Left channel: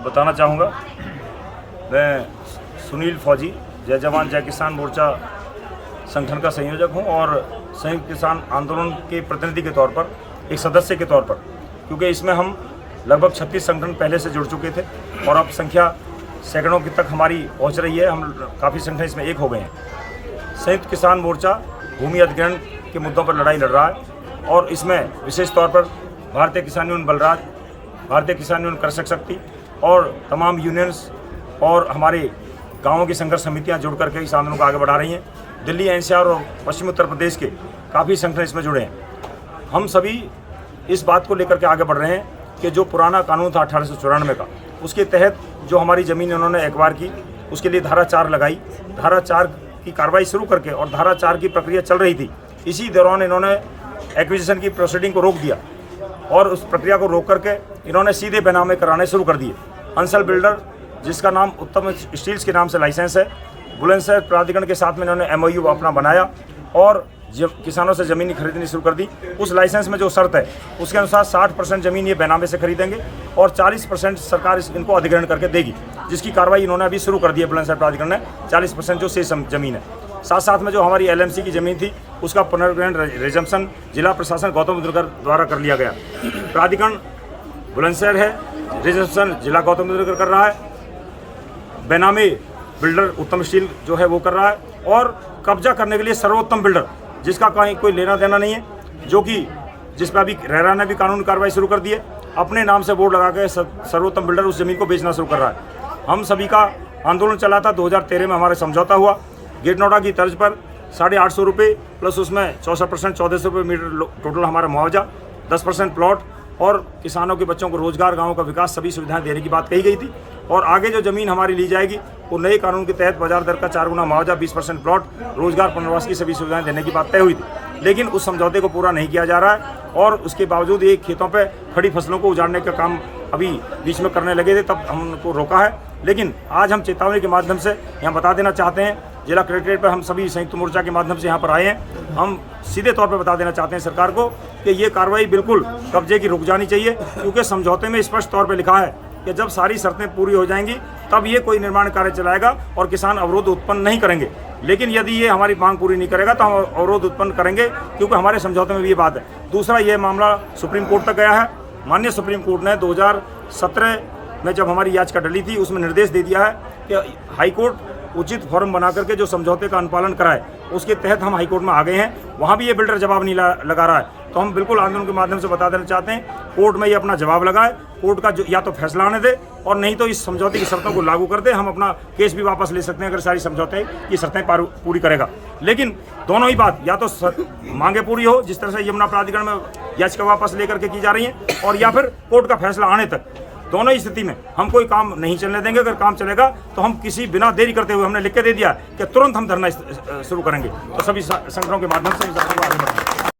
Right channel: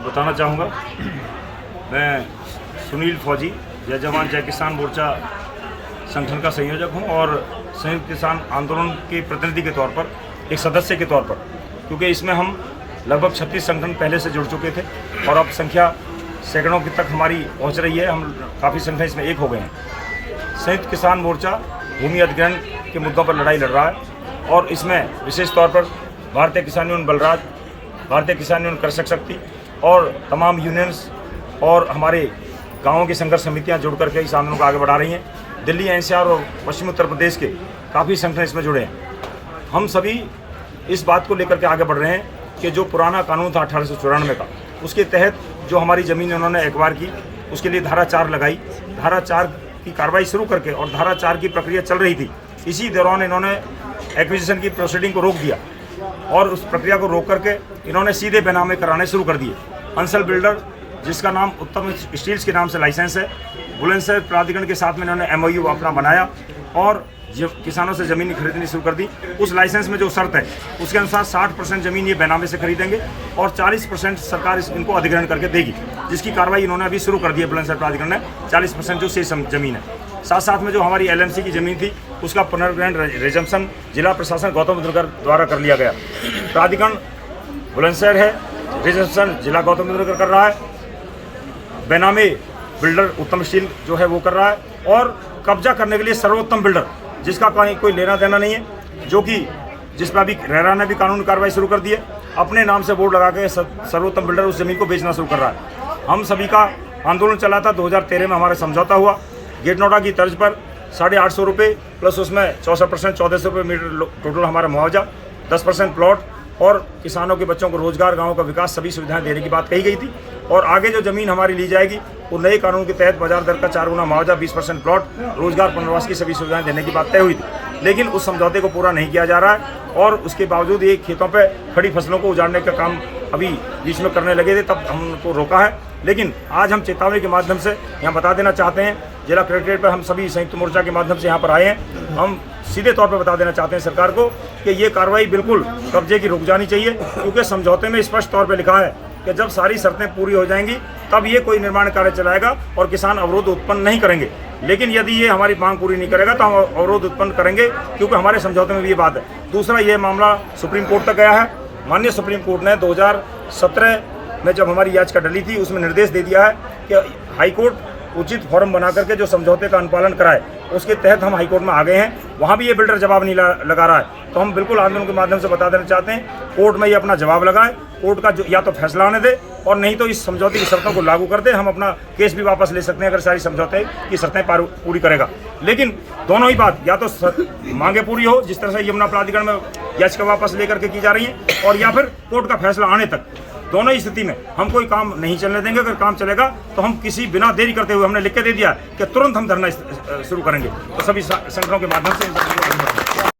बताना चाहूँगा, मैं सुनील फौजी जय जवान जय किसान मोर्चा संगठन का संयोजक हूँ और संयुक्त किसान आंदोलन के प्रतिनिधि के तौर पर, एक सदस्य के तौर पर, क्योंकि इसमें हम लगभग 36 संगठन पहले से जुड़ चुके थे और अब संख्या सैकड़ों की तक हमारी पहुँच रही है। हम काफ़ी संगठन इसमें एक हो गए हैं। संयुक्त किसान मोर्चा भूमि अधिग्रहण के मुद्दों पर लड़ाई लड़ रहा है और इसमें विशेष तौर पर भारतीय किसान यूनियन बलराज, भारतीय किसान यूनियन कृषक शक्ति और तमाम यूनियंस और हमारे गाँवों की संघर्ष समितियां जुड़ करके इस आंदोलन को आगे बढ़ा रही हैं। दिल्ली, एनसीआर और पश्चिमी उत्तर प्रदेश के काफ़ी संगठन इसमें जुड़े हैं। हम सभी इस बात को लेकर के आगे बढ़ रहे हैं कि जो पुराना कानून था 1894 का, उसके तहत जो हमारी ज़मीन इन्होंने एक्वायर की, उसके लिए धारा 4 लगाई। धारा 4 की कार्रवाई शुरू करके और धारा 4 की प्रक्रिया चल रही थी, इसी दौरान इन्होंने एक्विजिशन की प्रोसीडिंग को रोक दिया और उस प्रक्रिया को रोक करके इन्होंने सीधे बेनामे कराने शुरू कर दिए। अंसल बिल्डर, जिसका नाम उत्तम स्टील्स के नाम से लाइसेंस है, बुलंदशहर प्राधिकरण के साथ में इन्होंने MOU अपना बनाया और किसानों से ज़मीन खरीदनी शुरू कर दी। उस लाइसेंस में जो शर्त है उसके अनुसार 60% ज़मीन ये बेनामे से खरीदेंगे और 40% सरकार इनको अधिग्रहण करके देगी, जिसकी कार्रवाई इन्होंने अभी शुरू कर दी है। बुलंदशहर प्राधिकरण ने 40% जो शेष ज़मीन है, साथ साथ में जो हमारी LMC की ज़मीन थी उसका पुनर्ग्रहण रिजम्पशन जिला प्रशासन गौतम बुद्ध नगर द्वारा कर लिया गया। प्राधिकरण बुलंदशहर है, रिजम्पशन जिला गौतम बुद्ध नगर कर रहा है, बेनामी बिल्डर उत्तम स्टील जो है वो कर रहा है और कब्जा करने के लिए सर्वोत्तम बिल्डर, जिसका कहीं कोई लेना देना नहीं है, जो कि जिस पर अभी रेरा ने भी कानूनी कार्रवाई शुरू कर दी है, अपने नाम से बोर्ड लगा के सर्वोत्तम बिल्डर उस जमीन को बेचना शुरू कर रहा है। हम सभी का आंदोलन चला था, 2013 में हमारा समझौता हुआ गेट नोटा की तर्ज पर 850 रुपये प्लस उसमें 64% 1400 रुपये मीटर टोटल हमारा मुआवजा, 10% प्लॉट और किसानों के बच्चों को रोजगार, गाँव का विकास, सभी सुविधाएं देने की बात कही गई थी। और आगे जो ज़मीन हमारी ली जाएगी वो नए कानून के तहत बाजार दर का 4 गुना मुआवजा, 20% प्लॉट, रोजगार, पुनर्वास की सभी सुविधाएं देने की बात तय हुई थी। लेकिन उस समझौते को पूरा नहीं किया जा रहा है और उसके बावजूद ये खेतों पे खड़ी फसलों को उजाड़ने का काम अभी बीच में करने लगे थे, तब हम उनको रोका है। लेकिन आज हम चेतावनी के माध्यम से यहाँ बता देना चाहते हैं, जिला कलेक्ट्रेट पर हम सभी संयुक्त मोर्चा के माध्यम से यहाँ पर आए हैं। हम सीधे तौर पर बता देना चाहते हैं सरकार को कि ये कार्रवाई बिल्कुल कब्जे की रुक जानी चाहिए, क्योंकि समझौते में स्पष्ट तौर पर लिखा है कि जब सारी शर्तें पूरी हो जाएंगी तब ये कोई निर्माण कार्य चलाएगा और किसान अवरोध उत्पन्न नहीं करेंगे। लेकिन यदि ये हमारी मांग पूरी नहीं करेगा तो हम अवरोध उत्पन्न करेंगे, क्योंकि हमारे समझौते में भी ये बात है। दूसरा, ये मामला सुप्रीम कोर्ट तक गया है। माननीय सुप्रीम कोर्ट ने 2017 में जब हमारी याचिका डली थी उसमें निर्देश दे दिया है कि हाईकोर्ट उचित फॉर्म बना करके जो समझौते का अनुपालन कराए, उसके तहत हम हाईकोर्ट में आ गए हैं। वहाँ भी ये बिल्डर जवाब नहीं लगा रहा है, तो हम बिल्कुल आंदोलन के माध्यम से बता देना चाहते हैं कोर्ट में ये अपना जवाब लगाए, कोर्ट का जो या तो फैसला आने दे और नहीं तो इस समझौते की शर्तों को लागू कर दे। हम अपना केस भी वापस ले सकते हैं अगर सारी समझौते की शर्तें पूरी करेगा। लेकिन दोनों ही बात, या तो मांगे पूरी हो जिस तरह से यमुना प्राधिकरण में याचिका वापस लेकर के की जा रही है, और या फिर कोर्ट का फैसला आने तक, दोनों ही स्थिति में हम कोई काम नहीं चलने देंगे। अगर काम चलेगा तो हम किसी बिना देरी करते हुए, हमने लिख के दे दिया कि तुरंत हम धरना शुरू करेंगे। तो सभी संगठनों के माध्यम से इन सबको आगे बढ़ेंगे।